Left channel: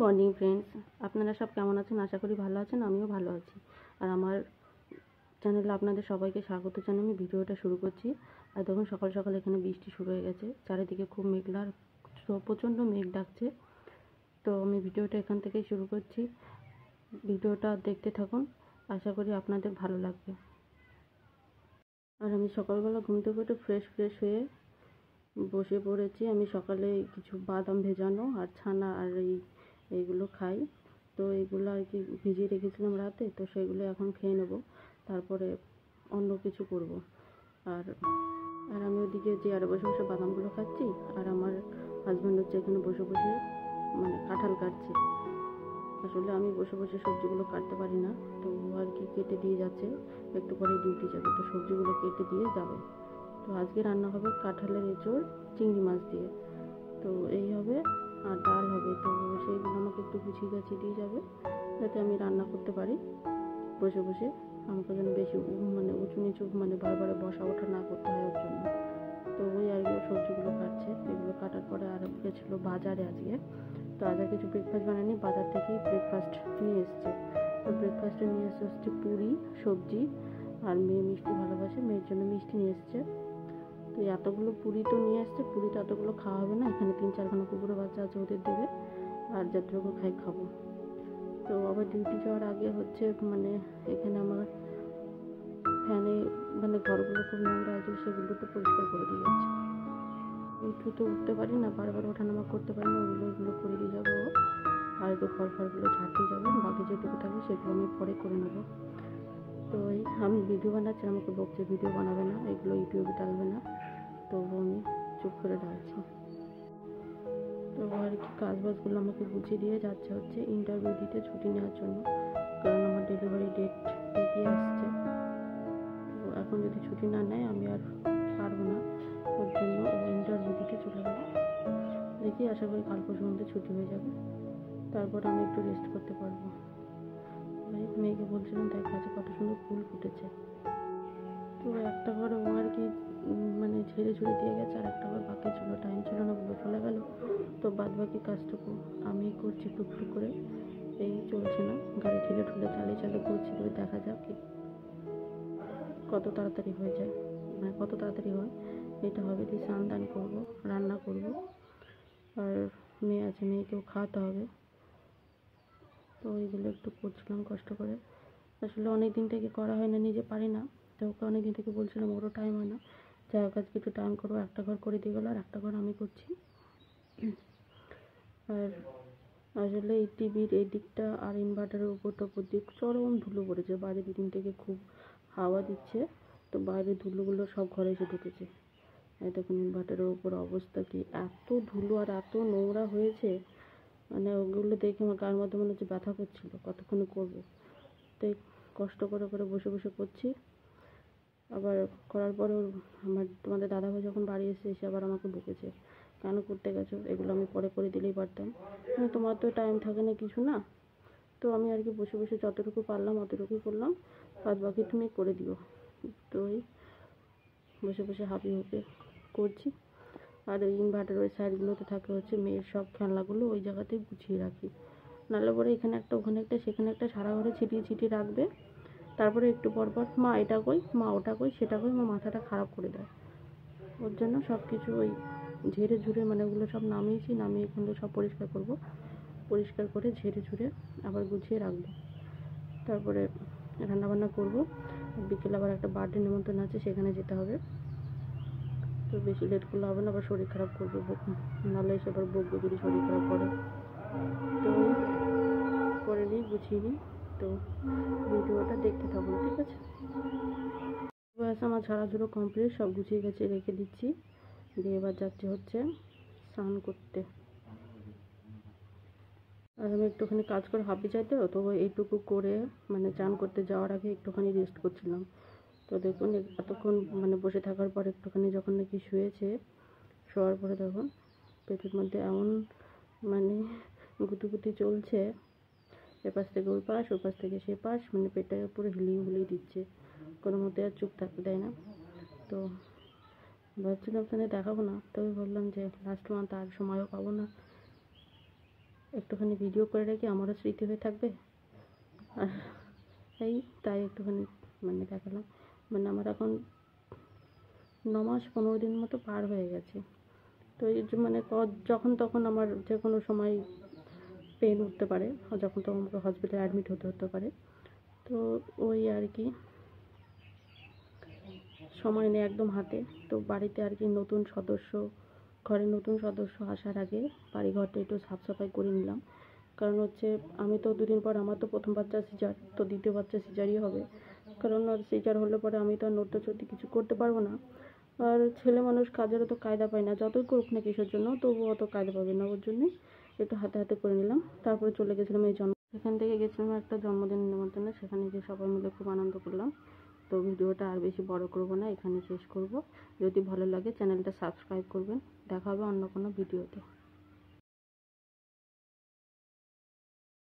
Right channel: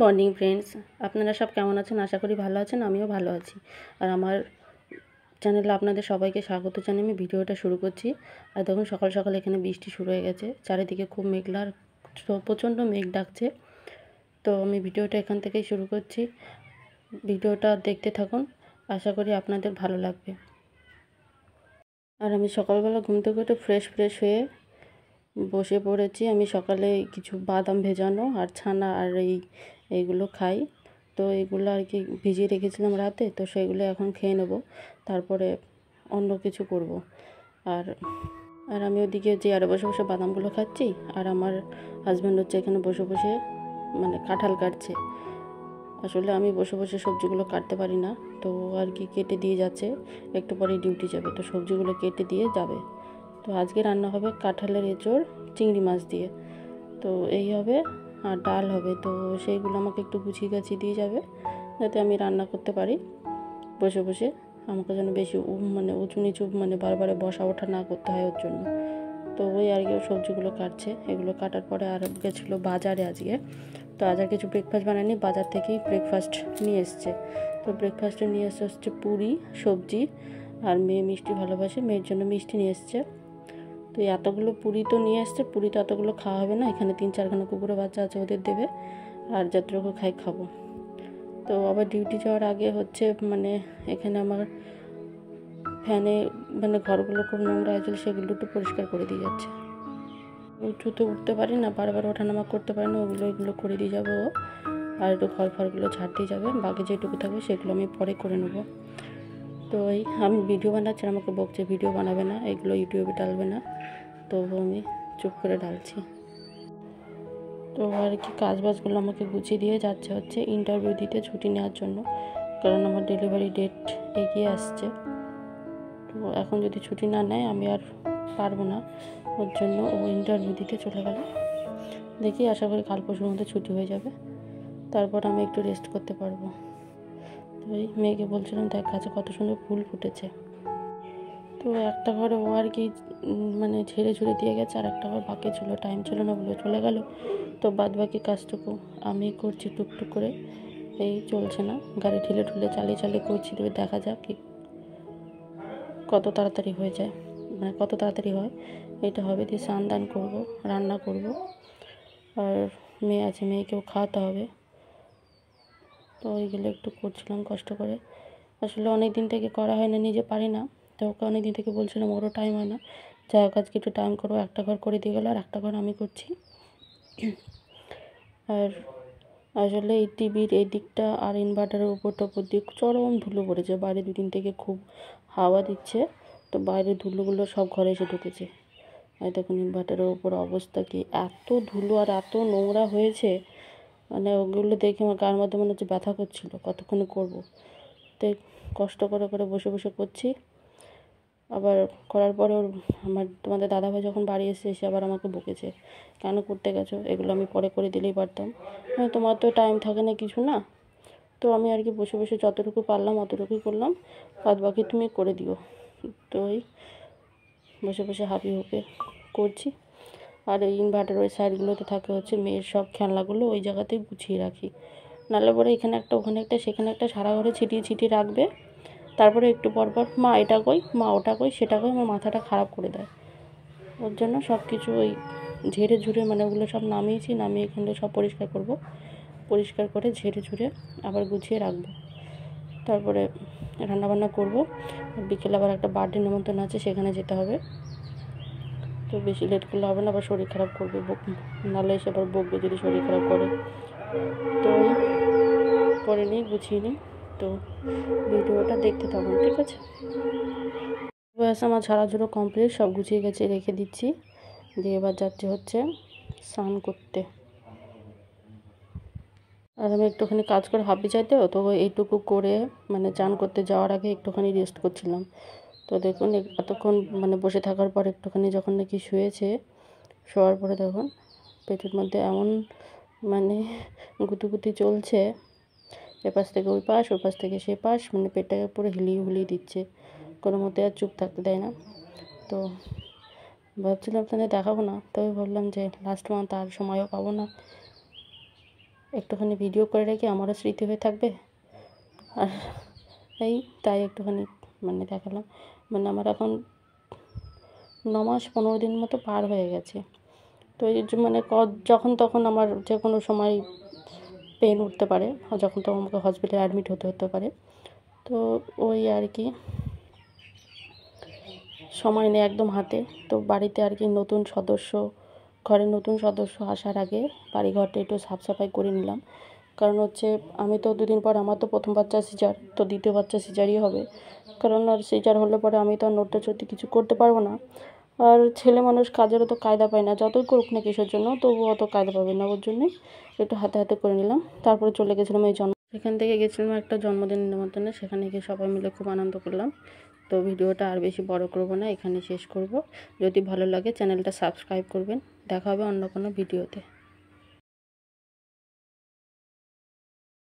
Morning friends, আপনারা সব কেমন আছেন? আশা করি ভালো আছেন। আমিও ভালো আছি। আর আমার চ্যানেলে আপনাদের সবাইকে স্বাগত জানিয়ে আমি ভিডিওটা শুরু করছি। আর দেখুন সকাল সকাল এখানে বৃষ্টি শুরু হয়ে গেছে, চারিদিকে খুব মেঘলা, প্রচণ্ড মেঘ ডাকছে। তো আমি ভিডিওটা এখান থেকেই শুরু করছি। ভিডিওটা দেখতে থাকুন, আশা করি আপনাদের ভালো লাগবে। আর আমি সকালবেলা ঘুম থেকে উঠে ফ্রেশ হয়ে বসে পড়েছি। আমি সকালে কিছু বাদাম ভেজানো আর ছানা আর এইগুলো খাই। তো এগুলো আর কি ভিজিয়ে রেখেছিলাম রাতে, তো সেগুলো এখন খেয়ে নেব, তারপরে অন্য কিছু করব। আর আর আমি ওদিকে চেয়ারে বসে বসে বাদামগুলো খাচ্ছি, আর আমার হাজব্যান্ড হচ্ছে এখানে বসে বসে মানে কাঁঠাল কাটছে। আসলে আমি বসে বসে সবজিগুলো কাটতে পারি না, তো আর কি কেটে দিয়ে যাচ্ছে। একটু পরেই ডিউটি যাবে, তো সবজিগুলো কেটে দিয়ে যাবে। তো আজকে রান্না হবে কাঁঠালের এঁচোড় চিংড়ি মাছ দিয়ে। তো এই হবে, আর ডাল হবে। তো সেইগুলো আমাকে একটু গুছিয়ে গাছিয়ে দিয়ে যাবে, যাতে আমি রান্না করতে পারি বসে বসে। আমাকে যেন বেশি মানে উঁচু নিচু মানে বারবার বসা ওঠা না করতে হয় ওর জন্য। তো ওই আর কি সবজিগুলো কাটছে। এগুলো কাটার পরে আর গেছিলো বাজারে আজকে। তো আজ আর কিছু ব্রেকফাস্ট বানায়নি, বাজার থেকেই ব্রেকফাস্ট নিয়ে এসছে। তো ব্রেকফাস্টে নিয়ে এসে হচ্ছে পুরি, সবজি, আর মেয়ে মিষ্টি ভালোবাসে, মেয়ের জন্য মিষ্টি নিয়ে এসছে। তো এতগুলো পুরি তো নিয়ে এসছে, পুরি তো এতগুলো খাওয়া হবে না। এখানে 3-4খানা কুকুরের বাচ্চা আছে, ওদের দেবে, আর যতটুকু খাই খাবো। তো আবার ডিউটি যাওয়ার আগে হচ্ছে মানে এখানে আমার ফ্যানে মানে ঘরগুলো খুব নোংরা হয়েছিল, সেগুলো একটু পরিষ্কার করে দিয়ে যাচ্ছে। উঁচুতে উঠতে পারি না, বারবার ওঠানামা করতে পারি না, এগুলো করে দিয়ে যাবো। আর একটু ঘর ফারগুলো ঝাড় দিয়ে যাবে, বাকি যেটুকু থাকবে সেগুলো আমি পরে করে নেবো। তো এই আমি ভিডিও বানাচ্ছি, আমাকে বকছে ভিডিও বানাবে না, এগুলো ইউটিউবে ডালবে না। তো আমি চুপ করে ডালছি। তো আর কি কাজবাজগুলো আমাকে গুছিয়ে দিয়ে যাচ্ছে হচ্ছে ইন্টারভিউ দিতে, ছুটি নেওয়ার জন্য, কারণ আমার ডেলিভারি ডেট এগিয়ে আসছে। তো এখন যদি ছুটি না নেয় আমি আর পারবো না, ওর জন্য ও ইন্টারভিউ দিতে চলে গেল। দেখি, আশা করি কাল পরশুর মধ্যে ছুটি হয়ে যাবে, তারপর আমি একটু রেস্ট করতে পারবো। তো এই মেয়েকে বলছিলাম, দেখ গাছে কত সুন্দর ফুল ফুটেছে। তো একটা ঘরে ও আর কি মানে ঝেড়ে ঝুড়ে দিয়ে গেছে, আর একটা ঘর বাকি ছিল, টাইম ছিল না বলে চলে গেল। তো বাদ বাকি কাজটুকু আমি করছি টুকটুক করে, এই চলছে না, গাড়ি ঠেলে ঠুলে চালিয়ে করছি। তবে দেখা যাক কি কত তাড়াতাড়ি হয়ে যায়, মানে কত তাড়াতাড়ি হয়। এটা হবে, দিয়ে স্নান দান করবো, রান্না করব, আর মেয়ে আছে, মেয়েকেও খাওয়াতে হবে। তো ওইগুলো একটু করছিলাম কষ্ট করে। আসলে অনেক দিন থেকে করা হয় না, নিজে পারি না। তো ওকে অনেক দিন থেকে বলছিলাম, ওরও টাইম হয় না। যাই হোক, আজকে একটু টাইম করবো। একটা ঘর করে দিয়ে গেলো, আর একটা ঘর আমি করছি। আর আসলে এই টিভির এই দিকটা আর ইনভার্টারের উপর দিয়ে চরম ধুলো পড়েছে। বাইরে 2 দিন থেকে খুব হাওয়া দিচ্ছে, তো বাইরের ধুলোগুলো সব ঘরে এসে ঢুকেছে। আর দেখুন ইনভার্টারের উপর অবস্থা কি, এত ধুলো আর এত নোংরা হয়েছে, মানে ওগুলো দেখে আমার গায়ের মধ্যে মনে হচ্ছে ব্যথা করছিল, কতক্ষণে করব। তো কষ্ট করে করে বসে করছি। আবার করার পরে তোমাদের দাদাভাই যখন বাড়ি এসে আবার আমাকে বকেছে, কেন করতে গেছো, এগুলো আমি পরে করে দিলেই পারতাম। তোমার তো টাইম থাকে না, কিছু না। তো আমি আর কি বসে যতটুকু পারলাম অতটুকুই করলাম, বাদ বাকি তুমি করে দিও। তো ওই বসে হাঁপিয়ে হুপে করছি। আর এই ইনভার্টার ওই সাইডগুলোতে থাকে হচ্ছে মেয়ের সব খেলনাগুলো, ওই জায়গাতেই গুছিয়ে রাখি। নাহলে পরে এখানে একটা ওখানে একটা সেখানে একটা সারা ঘরে ছিটিয়ে রাখবে। তারপরে একটু পর মা এটা কই, মা ওটা কই, সেটা কই, আমার মাথাটা খারাপ করে দেয়। ওর জন্য সব কিছু ওই ঝেড়ে ঝুড়ে মানে ওগুলো সব নামিয়ে এখানে সব পরিষ্কার করব, পরিষ্কার করে ঝেড়ে ঝুড়ে আবার গুছিয়ে রাখবো। তারপরে রান্নাবান্না করব। বিকেলে আবার একটা বার্থডে নিমন্ত্রণ আছে, সেখানে যেতে হবে। তো বেশি লেট করলে হবে না, আবার শরীর খারাপ করবে, নাহলে এসে আবার বকবে যদি শরীর খারাপ করে। তো করে নিই, গুছিয়ে নিই। তো ভিডিওটা দেখতে থাকুন, ঠিক আছে। ব্যাস আমার ঝাড়াঝুড়ো কমপ্লিট, সব গুছিয়ে গেছে, রেখে দিচ্ছি। দিয়ে এবার যাচ্ছে হচ্ছে স্নান করতে। আর আমি একটুখানি কাজ করে হাঁপি চাইতে, তো এইটুকু করে মানে চান করতে যাওয়ার আগে একটুখানি রেস্ট করছিলাম। তো দেখুন এতক্ষণ মানে বসে থাকার পর একটুখানি যখন নাকি শোয়ার পরে দেখুন পেটের মধ্যে এমন মানে গুতি চলছে, এপাশ থেকে ওই পাশ থেকে সে পাশ, মানে পেটটাকে পুরো হিলিয়ে দিচ্ছে, কোনো মতে আর চুপ থাকতে দেয় না। তো ভাবছিলাম আপনাদের দেখাবো না, তবে ভাবলাম যে লাস্ট মান্থ আর সময়ও পাবো না, একটুখানি ভিডিও করে রেখে আমারও স্মৃতি হয়ে থাকবে। আর এই তাই একটুখানি মানে দেখালাম। মানে আমার এখন 9 মাস 15 দিন মতো পার হয়ে গেছে। তো এই যে মানে যখন তখন আমার যে কোনো সময় পেন উঠতে পারে, যখন তখন আমাকে হসপিটালে অ্যাডমিট হতে পারে। তো ওই আর কি সময় নেই একদম হাতে। তো বাড়িতে আর কি ঘরের নতুন সদস্য আসার আগে বাড়িঘরটা একটু সাফ সাফাই করে নিলাম। কারণ হচ্ছে আমি তো 2 দিন পর আমার তো প্রথম বাচ্চা সিজার, তো দ্বিতীয় বাচ্চা সিজারই হবে। কারণ আর সিজার হলে পরে আমি তো আর নড়তে-চড়তে কিছু করতে পারবো না। আর ছেলে মানুষ কাজেরও তো কায়দা পায় না, যতই করুক না কিসের জন্য, তবুও অত কায়দা পাবে না। ওর জন্যই একটু হাতে হাতে করে নিলাম। তারপরে চলে গেছিলাম এখান থেকে গেছিলাম একটা জন্মদিন নিমন্ত্রণে, সেখানে গিয়ে সবাই মিলে খুব আনন্দ করলাম। তো ভিডিওটা আর বেশি বড় করব না, এখানে শেষ করব। যদি ভালো লাগে চ্যানেলটা সাবস্ক্রাইব করবেন। দেখা হবে অন্য কোনো ভিডিওতে।